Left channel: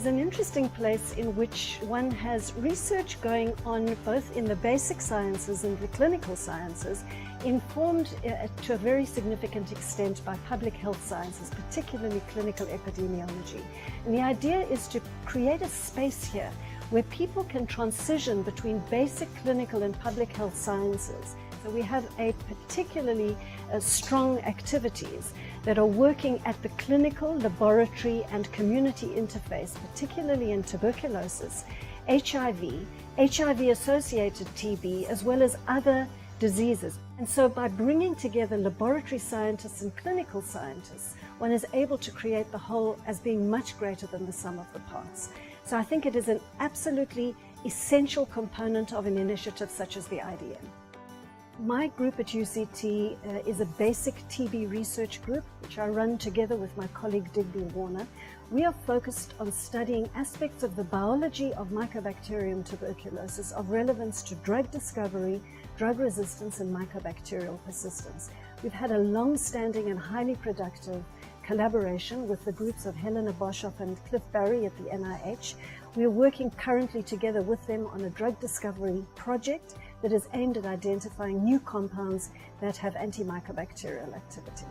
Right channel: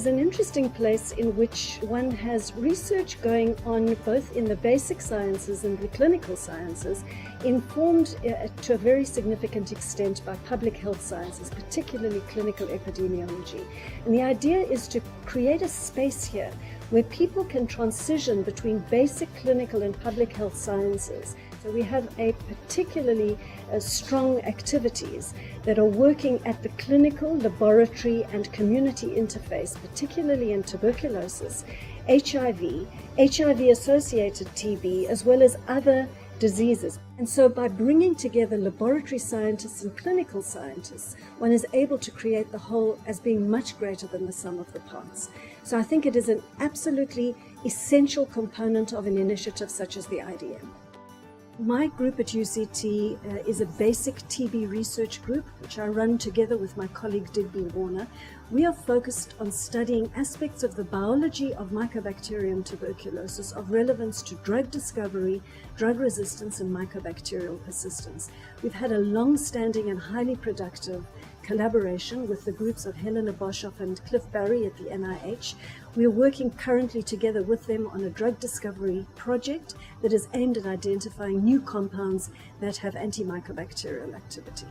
is an interesting place in which one has research going on both in the basic sciences and the clinical sciences, informed to a very significant extent by public health sciences, particularly clinical epidemiology. And the idea is to create a space here where people can transition between basic clinical and public health sciences. So we have a particularly strong activities that are working at the clinical, laboratory and community interface, particularly in tuberculosis, HIV, HIV-associated TB, as well as other diseases. And so by bringing together laboratory scientists and clinical scientists, one is able to create the whole as being much greater than the sum of the parts. So I think it is an absolutely essential component of an initiative such as the IDM. My group at UCT is a basic TB research group, which I run together with my colleague Digby Warner. We are focused on studying aspects of the biology of Mycobacterium tuberculosis of relevance to drug discovery, drug resistance and mycobacterial persistence. We've had a long-standing and highly productive collaboration with the groups of Helena Boschop and Cliff Barry at the NIH. We are working currently together with them on a drug discovery project that is aimed at identifying new compounds that have antimycobacterial activity.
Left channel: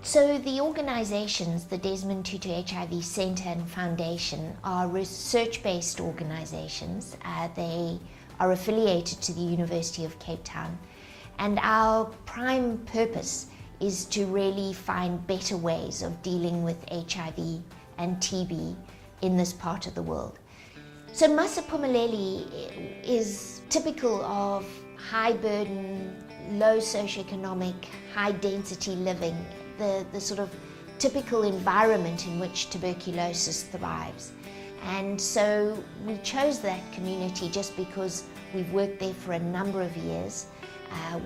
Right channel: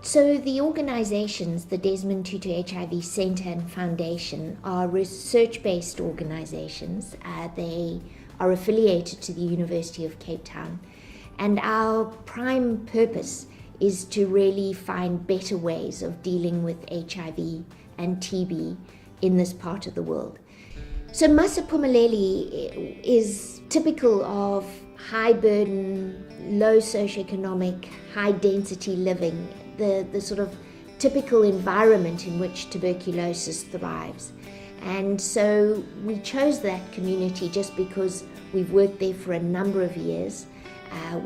So the organizations, the Desmond Tutu HIV Center and Foundation, are research-based organizations. They are affiliated to the University of Cape Town, and our prime purpose is to really find better ways of dealing with HIV and TB in this part of the world. So Masiphumeleli is typical of high burden, low socioeconomic, high density living, the sort of typical environment in which tuberculosis thrives. And so we chose that community just because we've worked there for a number of years.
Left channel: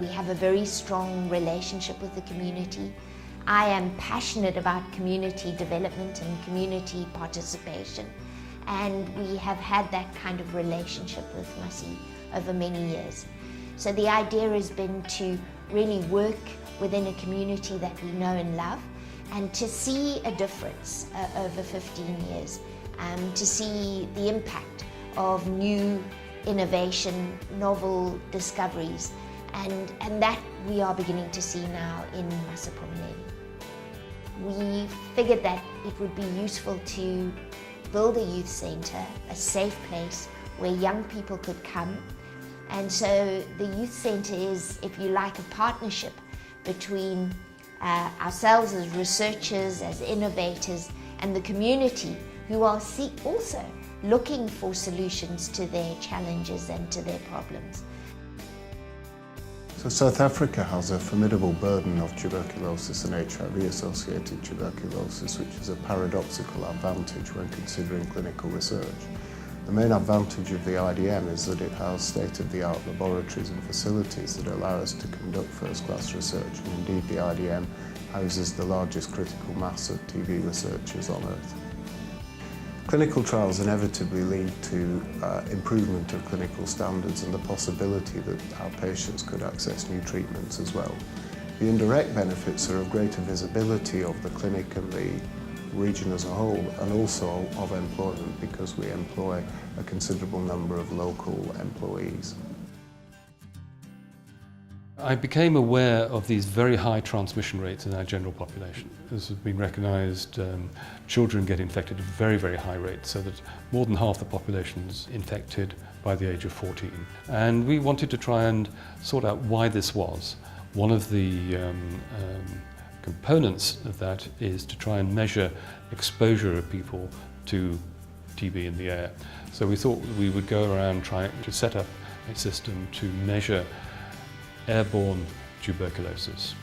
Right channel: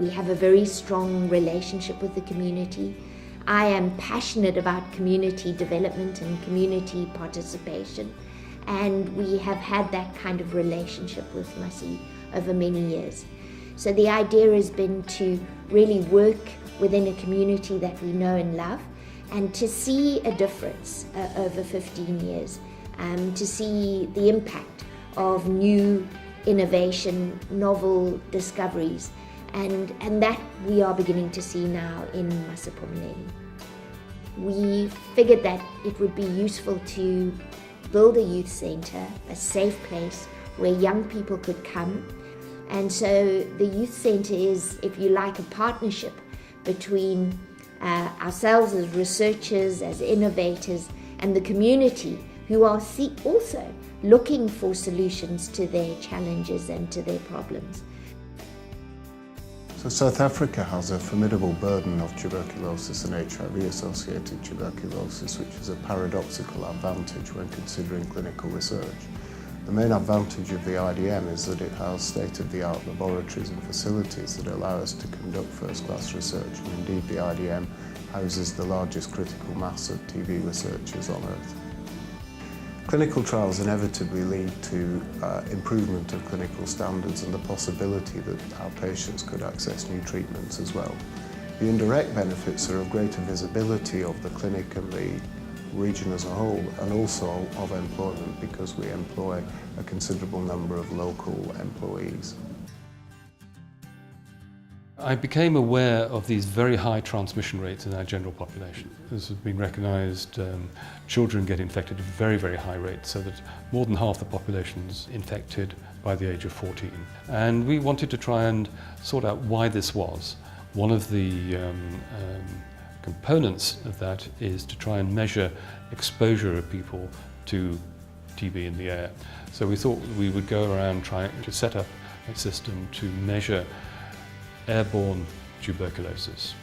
We have a very strong relationship with the community. I am passionate about community development and community participation, and we have had that kind of relationship with Masi over many years. So the idea has been to really work within a community that we know and love, and to see a difference over 15 years, to see the impact of new innovation, novel discoveries, and that we are beginning to see now in Masiphumeleli. We figured that it would be useful to build a youth center, a safe place where young people could come. And so the youth center is, if you like, a partnership between ourselves as researchers, as innovators, and the community who are also looking for solutions to their challenges and to their problems. So South Africa has a formidable burden of tuberculosis and HIV-associated tuberculosis, which is a paradoxical advantage when considering clinical research. The main advantage of the IDM is that it has state-of-the-art laboratories and facilities that allow us to conduct first-class research, and indeed the IDM houses the largest critical mass of TB researchers on Earth. Clinical trials inevitably lead to improvement of clinical standards and the possibility that our patients could access new treatments as well. The indirect benefits are of greater visibility of the clinic and the region as a whole, and also of employment, because we employ a considerable number of local employees. I became aware of these very high transmission rates in our general population. This has been recognised. Children get infected at very, very high rates, so that more than half the population is infected by the age of 14. And we wanted to try and sort out why this was. One of the components of that is to try and measure exposure of people to TB in the air. So we thought we would go around trying to set up a system to measure airborne tuberculosis.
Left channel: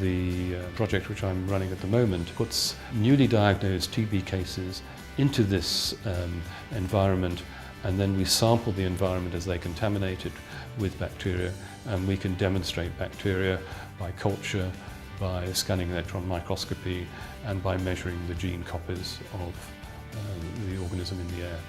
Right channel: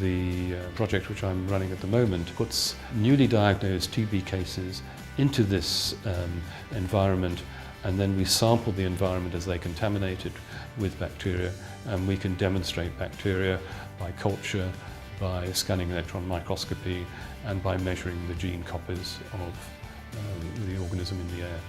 The project which I'm running at the moment puts newly diagnosed TB cases into this environment, and then we sample the environment as they contaminate it with bacteria, and we can demonstrate bacteria by culture, by scanning electron microscopy, and by measuring the gene copies of the organism in the air.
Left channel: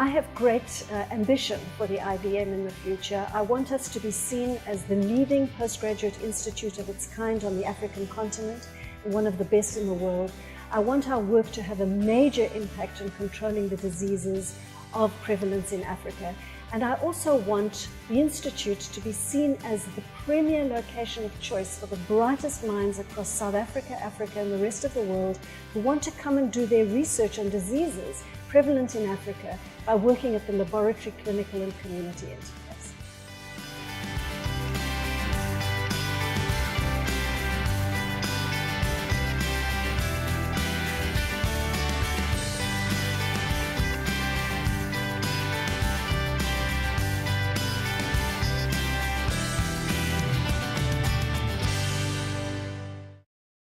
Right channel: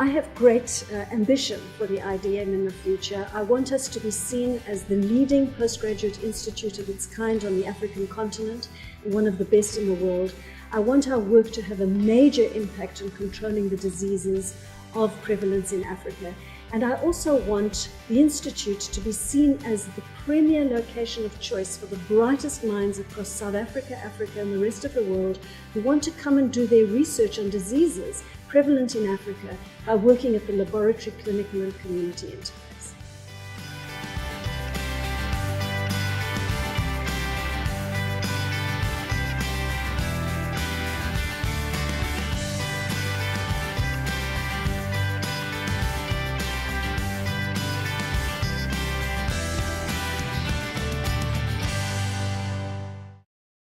I have great ambition for the IDN in the future. I want us to be seen as the leading postgraduate institute of its kind on the African continent, and one of the best in the world. I want our work to have a major impact on controlling the diseases of prevalence in Africa. And I also want the Institute to be seen as the premier location of choice for the brightest minds across South Africa, Africa, and the rest of the world who want to come and do their research on diseases prevalent in Africa by working at the laboratory, clinical, and community end.